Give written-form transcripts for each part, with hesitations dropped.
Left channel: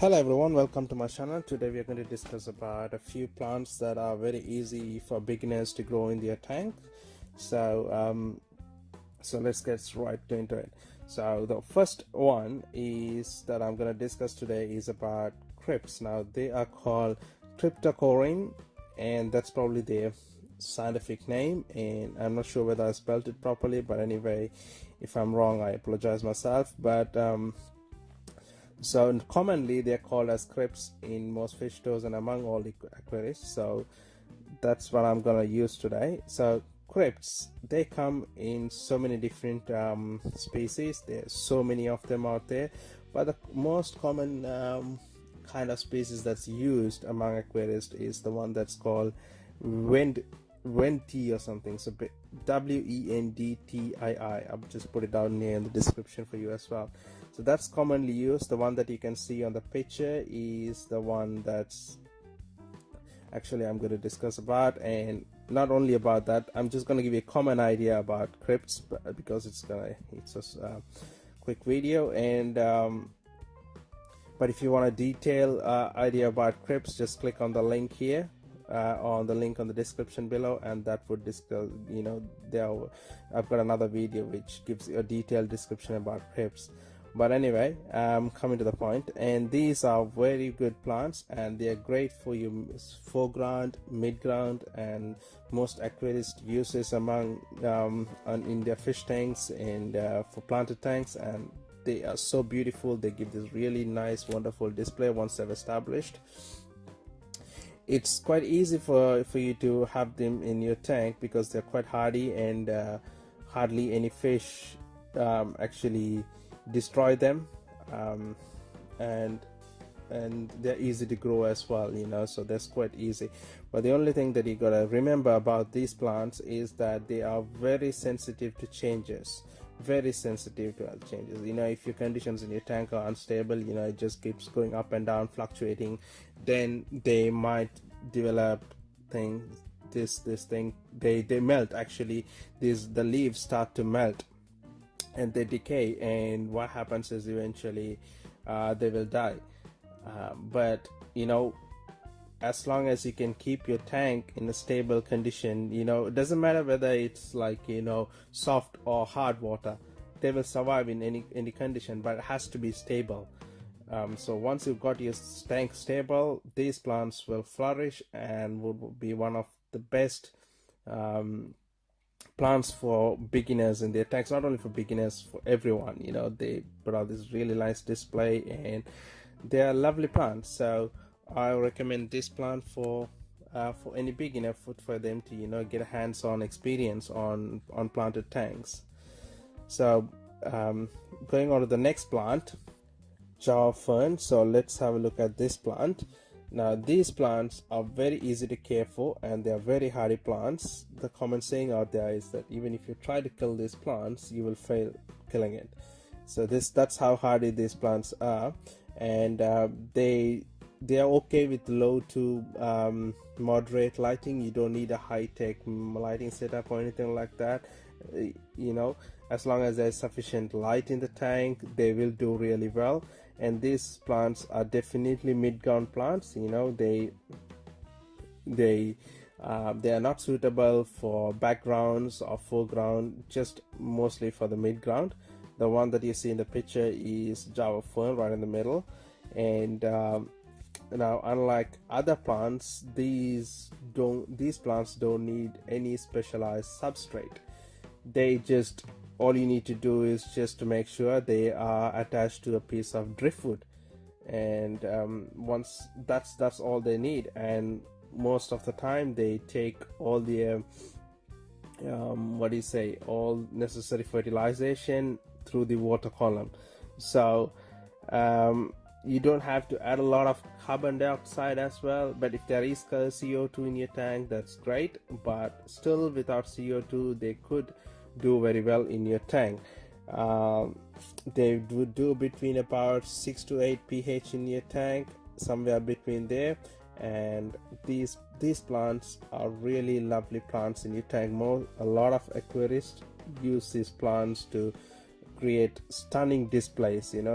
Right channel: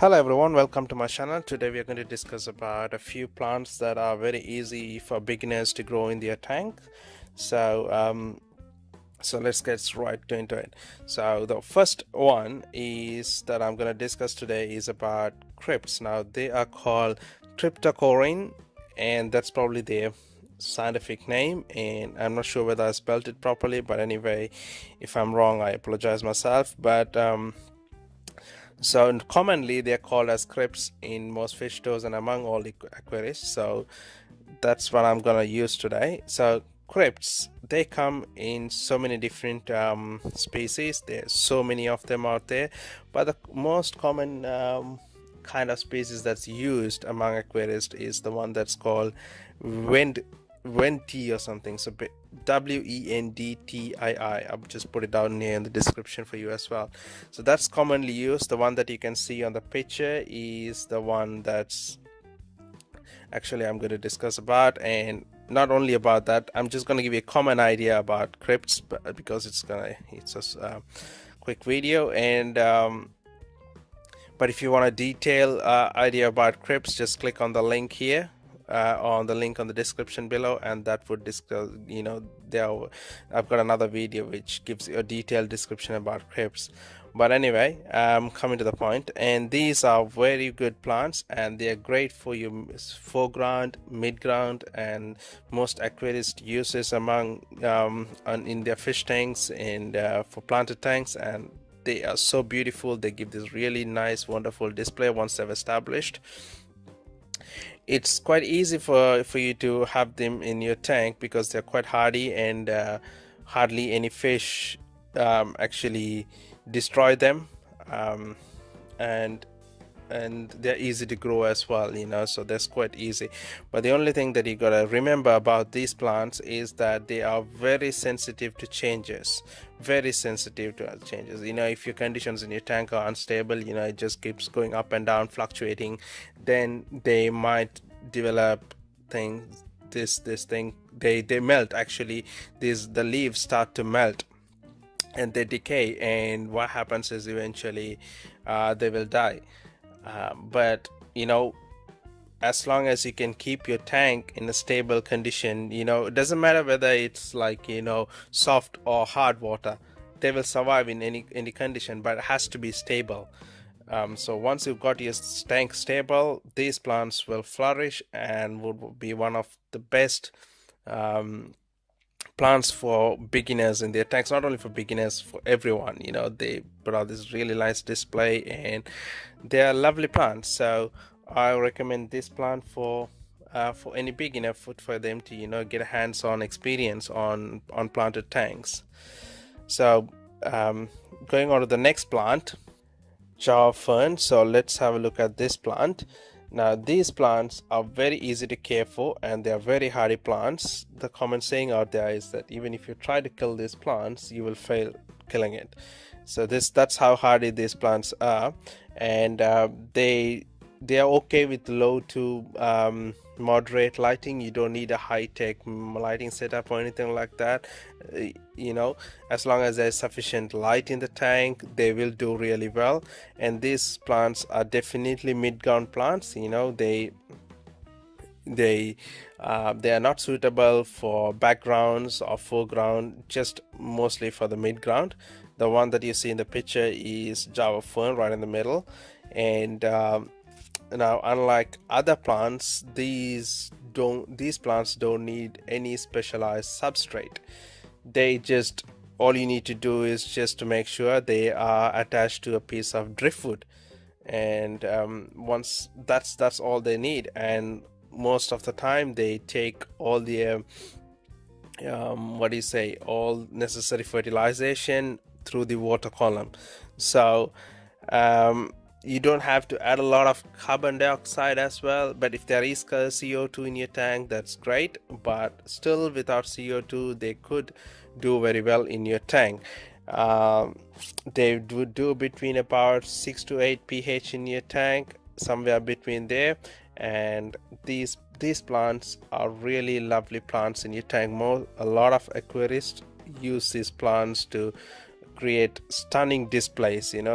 Hello everyone, welcome to my channel. Today we are going to discuss about a few plants that are very easy for beginners to grow in their tank. So let's get right into it. So the first one is that I'm going to discuss today is about crypts. Now they are called Cryptocoryne, and that's probably their scientific name, and I'm not sure whether I spelled it properly, but anyway, if I'm wrong I apologize myself. So commonly they're called as crypts in most fish stores and among all the aquarists. So that's what I'm gonna use today. So crypts, they come in so many different species. There's so many of them out there, but the most common kind of species that's used among aquarists is the one that's called Wendtii or something. So Wendtii. I'll just put it down here in the description for you as well. So that's commonly used. The one that you can see on the picture is the one that's actually I'm going to discuss about. And not only about that, I'm just going to give you a common idea about crypts, because it's a quick video. And but if you want a detailed idea about crypts, just click on the link here, on the link on the description below, and that would discuss, I've got another video which gives you a detailed description about crypts. But anyway, coming to the point, and these are very good plants and they are great for your foreground, mid-ground, and most aquarist uses among in their fish tanks and for planted tanks. And they are so beautiful. They give this really nice, wonderful display once they've established. It's quite easy for you to have them in your tank because they're quite hardy, and hardly any fish actually destroy them, and they're easy to grow as well, so that's quite easy. But the only thing that you gotta remember about these plants is that they are very sensitive to changes, if your conditions in your tank are unstable, it just keeps going up and down, fluctuating, then they might develop things, this thing, they melt. Actually, the leaves start to melt and they decay, and what happens is eventually they will die. But as long as you can keep your tank in a stable condition, it doesn't matter whether it's like soft or hard water, they will survive in any condition, but it has to be stable. So once you've got your tank stable, these plants will flourish and would be one of the best plants for beginners in their tanks. Not only for beginners, for everyone. They put out this really nice display and they are lovely plants. So I recommend this plant for any beginner, for them to get a hands-on experience on planted tanks. So going on to the next plant, Java Fern. So let's have a look at this plant. Now these plants are very easy to care for and they are very hardy plants. The common saying out there is that even if you try to kill these plants, you will fail killing it. So that's how hardy these plants are. And they are okay with low to moderate lighting. You don't need a high-tech lighting setup or anything like that. As long as there's sufficient light in the tank, they will do really well. And these plants are definitely mid-ground plants. They are not suitable for backgrounds or foreground, just mostly for the mid-ground. The one that you see in the picture is Java Fern right in the middle. And now, unlike other plants, these plants don't need any specialized substrate. All you need to do is just to make sure they are attached to a piece of driftwood, and once that's all they need. And most of the time they take all the all necessary fertilization through the water column. So you don't have to add a lot of carbon dioxide as well. But if there is CO2 in your tank, that's great. But still, without CO2, they could do very well in your tank. They would do between about 6 to 8 pH in your tank, somewhere between there. And these plants are really lovely plants in your tank. A lot of aquarists use these plants to create stunning displays, and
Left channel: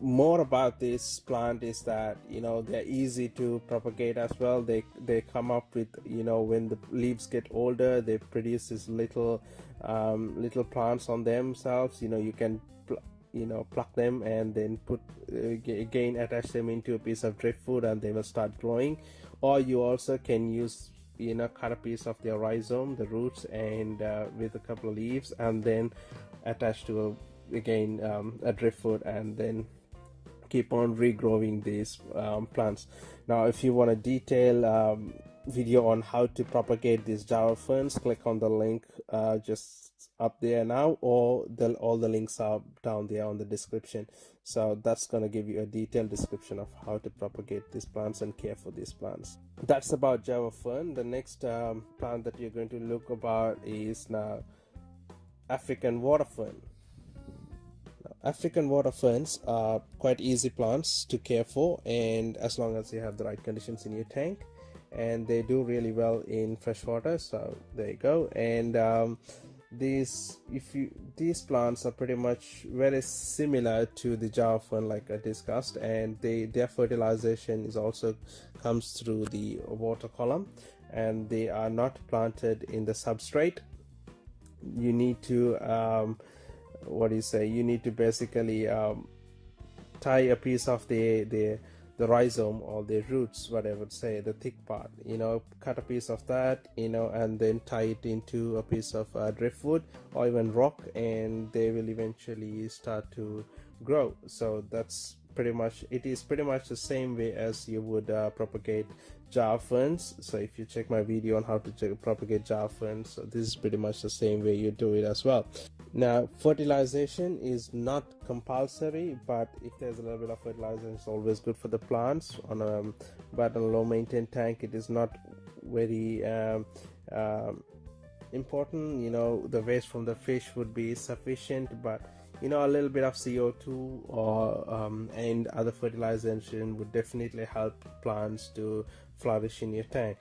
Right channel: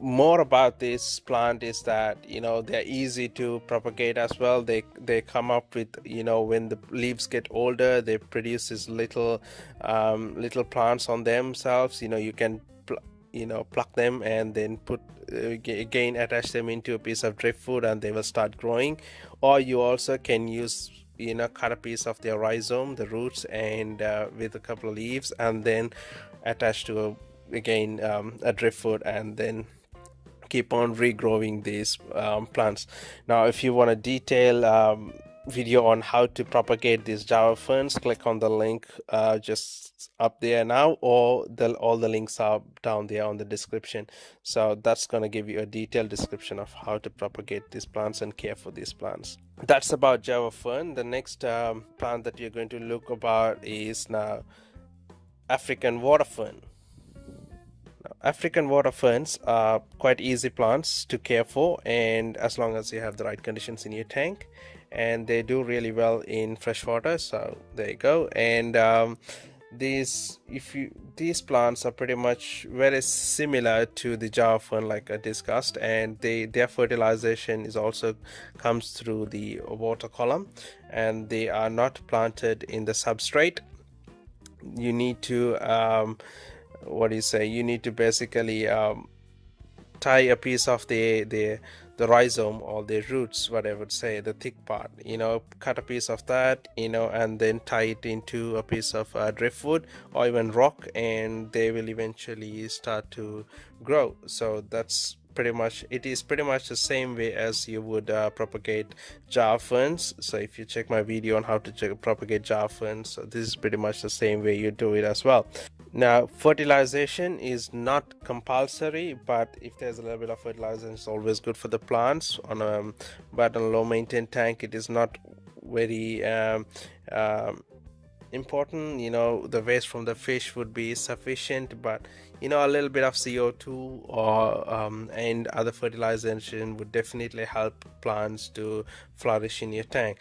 more about this plant is that, you know, they're easy to propagate as well. They come up with, you know, when the leaves get older, they produce these little little plants on themselves. You know, you can pluck them and then put again attach them into a piece of driftwood and they will start growing. Or you also can use, you know, cut a piece of their rhizome, the roots, and with a couple of leaves, and then attach to again a driftwood, and then keep on regrowing these plants. Now if you want a detailed video on how to propagate these Java ferns, click on the link just up there now, or all the links are down there on the description. So that's going to give you a detailed description of how to propagate these plants and care for these plants. That's about Java fern. The next plant that you're going to look about is now African water fern. African water ferns are quite easy plants to care for, and as long as you have the right conditions in your tank, and they do really well in freshwater. So there you go. And these plants are pretty much very similar to the Java fern, like I discussed, and their fertilization is also comes through the water column, and they are not planted in the substrate. You need to you need to basically tie a piece of the rhizome or the roots, what I would say, the thick part, you know, cut a piece of that, you know, and then tie it into a piece of driftwood or even rock, and they will eventually start to grow. So that's pretty much the same way as you would propagate Java ferns. So if you check my video on how to propagate Java ferns, so this is pretty much the same way you do it as well. Now fertilization is not compulsory, but if there's a little bit of fertilizer, it's always good for the plants. But on a low maintained tank, it is not very important. You know, the waste from the fish would be sufficient, but you know, a little bit of CO2 or and other fertilization would definitely help plants to flourish in your tank.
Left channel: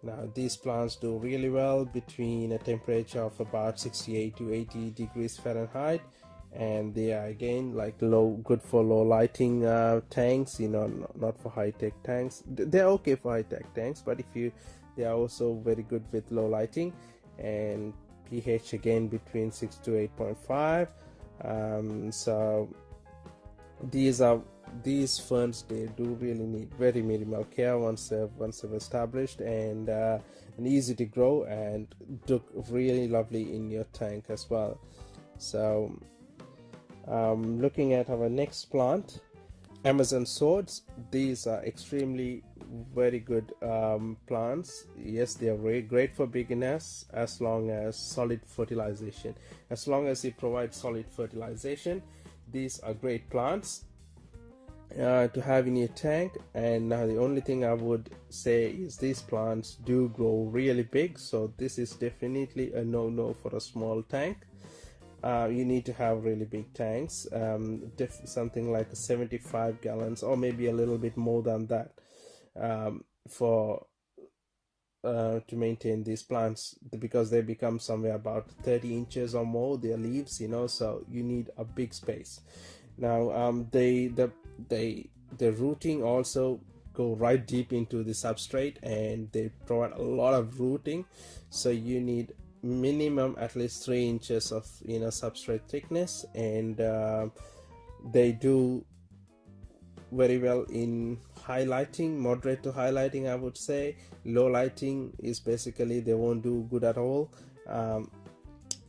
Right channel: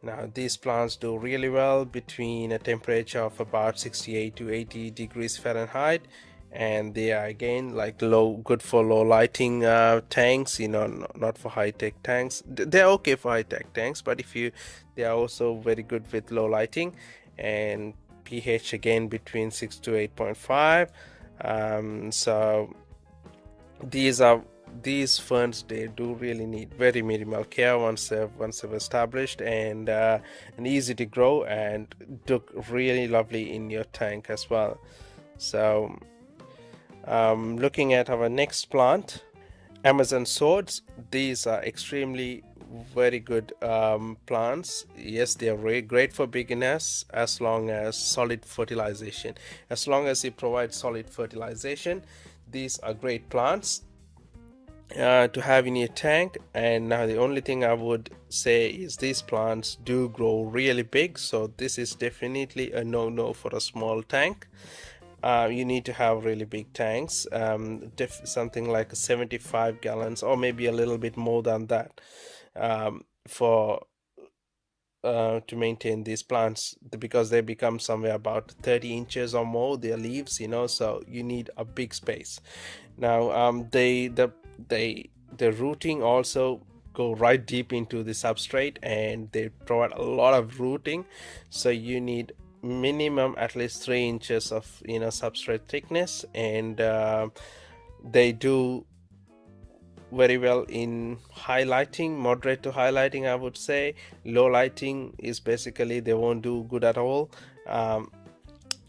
Now these plants do really well between a temperature of about 68 to 80 degrees Fahrenheit, and they are again like good for low lighting tanks, you know, not for high-tech tanks. They're okay for high-tech tanks, but they are also very good with low lighting, and pH again between 6 to 8.5. So these ferns, they do really need very minimal care once they've established, and easy to grow and look really lovely in your tank as well. So looking at our next plant, Amazon swords. These are extremely very good plants. Yes, they are very great for beginners as long as solid fertilization. As long as you provide solid fertilization, these are great plants to have in your tank. And now the only thing I would say is these plants do grow really big, so this is definitely a no for a small tank. You need to have really big tanks, something like 75 gallons or maybe a little bit more than that, for to maintain these plants, because they become somewhere about 30 inches or more, their leaves, you know, so you need a big space. Now the rooting also go right deep into the substrate, and they provide a lot of rooting, so you need minimum at least 3 inches of, you know, substrate thickness. And they do very well in high lighting, moderate to high lighting I would say. Low lighting is basically they won't do good at all.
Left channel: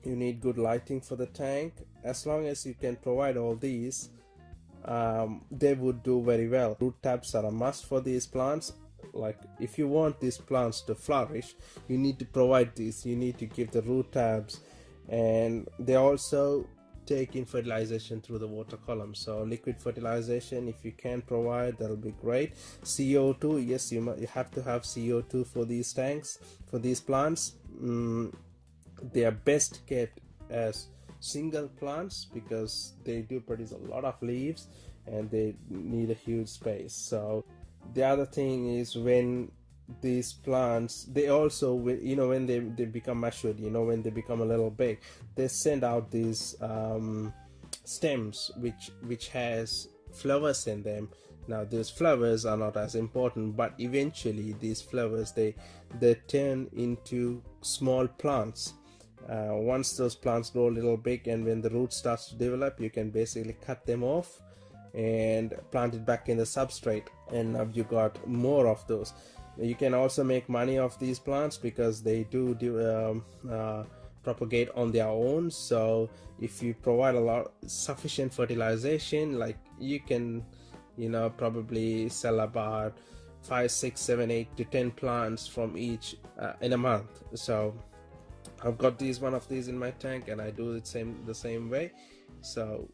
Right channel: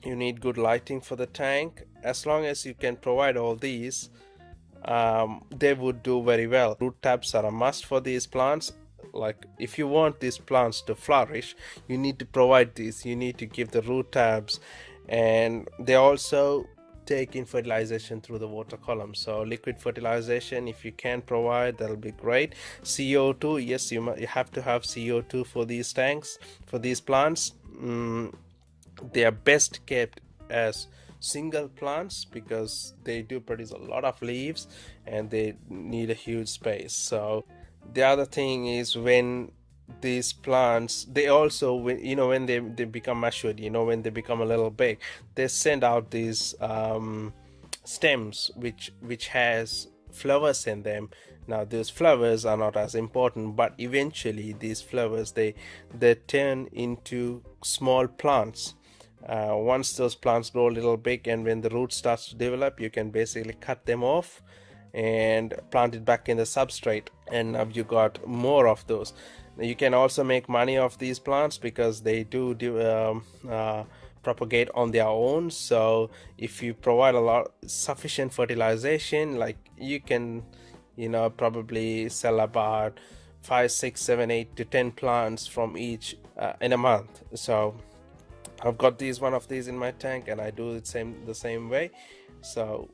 You need good lighting for the tank. As long as you can provide all these, they would do very well. Root tabs are a must for these plants. Like if you want these plants to flourish, you need to provide these, you need to give the root tabs, and they also take in fertilization through the water column. So liquid fertilization, if you can provide, that'll be great. CO2, yes, you have to have CO2 for these tanks, for these plants. They are best kept as single plants because they do produce a lot of leaves and they need a huge space. So the other thing is, when these plants, they also, you know, when they become matured, you know, when they become a little big, they send out these stems which has flowers in them. Now those flowers are not as important, but eventually these flowers they turn into small plants. Once those plants grow a little big and when the root starts to develop, you can basically cut them off and plant it back in the substrate, and now you got more of those. You can also make money off these plants because they do propagate on their own. So if you provide sufficient fertilization, like you can, probably sell about 5, 6, 7, 8 to 10 plants from each in a month. So I've got one of these in my tank, and I do it the same way. So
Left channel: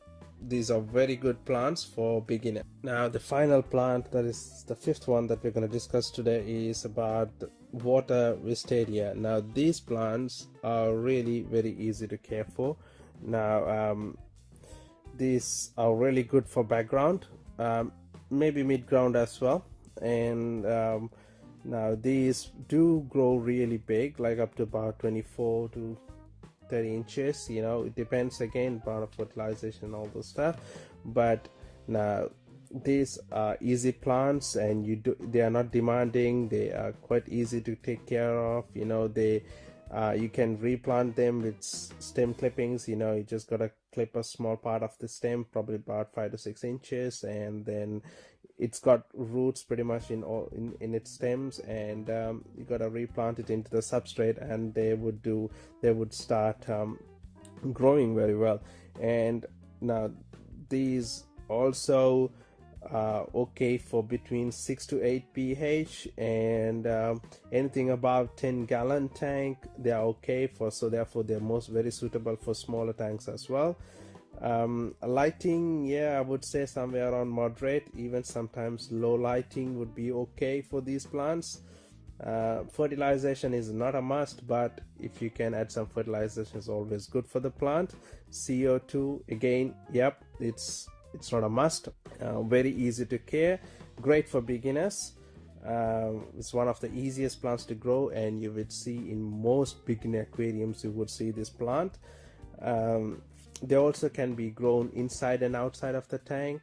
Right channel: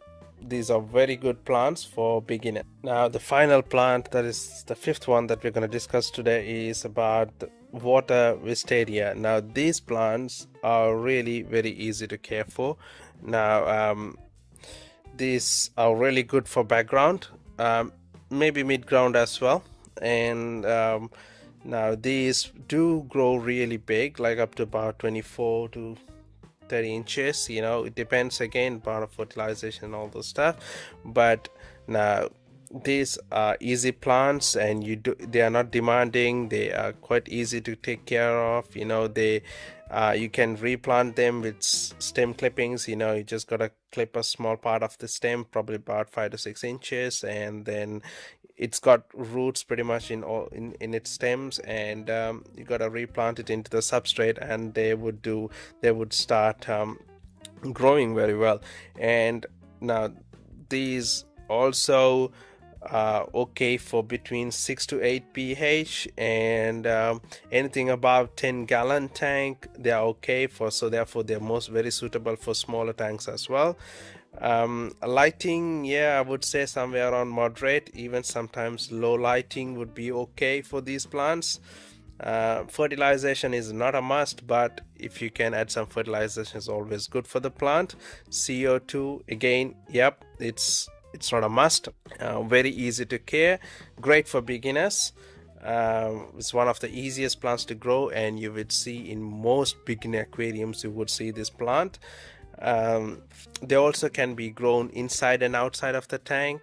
these are very good plants for beginners. Now the final plant, that is the fifth one that we're going to discuss today, is about water wisteria. Now these plants are really very easy to care for. Now these are really good for background, maybe mid-ground as well. And now these do grow really big, like up to about 24 to 30 inches. It depends again part of fertilization and all those stuff. But now these are easy plants, and they are not demanding. They are quite easy to take care of. You can replant them with stem clippings. You just gotta clip a small part of the stem, probably about 5 to 6 inches, and then it's got roots pretty much in its stems, and you gotta replant it into the substrate, and they would start growing very well. And now these also okay for between 6 to 8 pH, and anything above 10-gallon tank they are okay for. So therefore they're very suitable for smaller tanks as well. Lighting, I would say somewhere around moderate, even sometimes low lighting would be okay for these plants. Fertilization is not a must, but if you can add some fertilization, is always good for the plant. CO2, again, it's not a must. Very easy to care, great for beginners. It's one of the easiest plants to grow, and you would see in most beginner aquariums you would see this plant. They also can be grown inside and outside of the tank,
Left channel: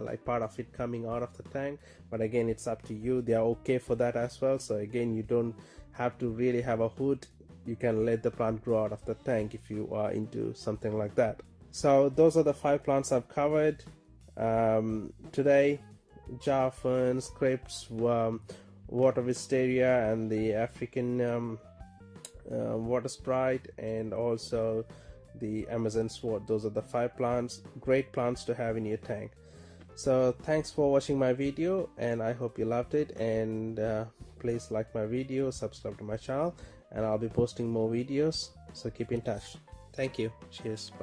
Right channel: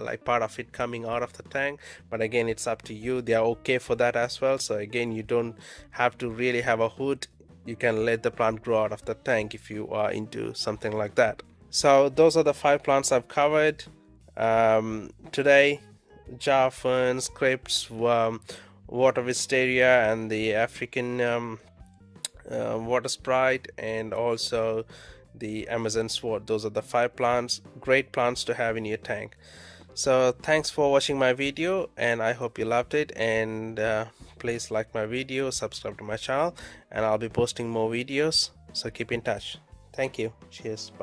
like part of it coming out of the tank, but again it's up to you. They are okay for that as well. So again, you don't have to really have a hood. You can let the plant grow out of the tank if you are into something like that. So those are the 5 plants I've covered today: jar ferns, crypts, water wisteria, and the African water sprite, and also the Amazon sword. Those are the 5 plants, great plants to have in your tank. So thanks for watching my video, and I hope you loved it. And please like my video, subscribe to my channel, and I'll be posting more videos, so keep in touch. Thank you. Cheers. Bye.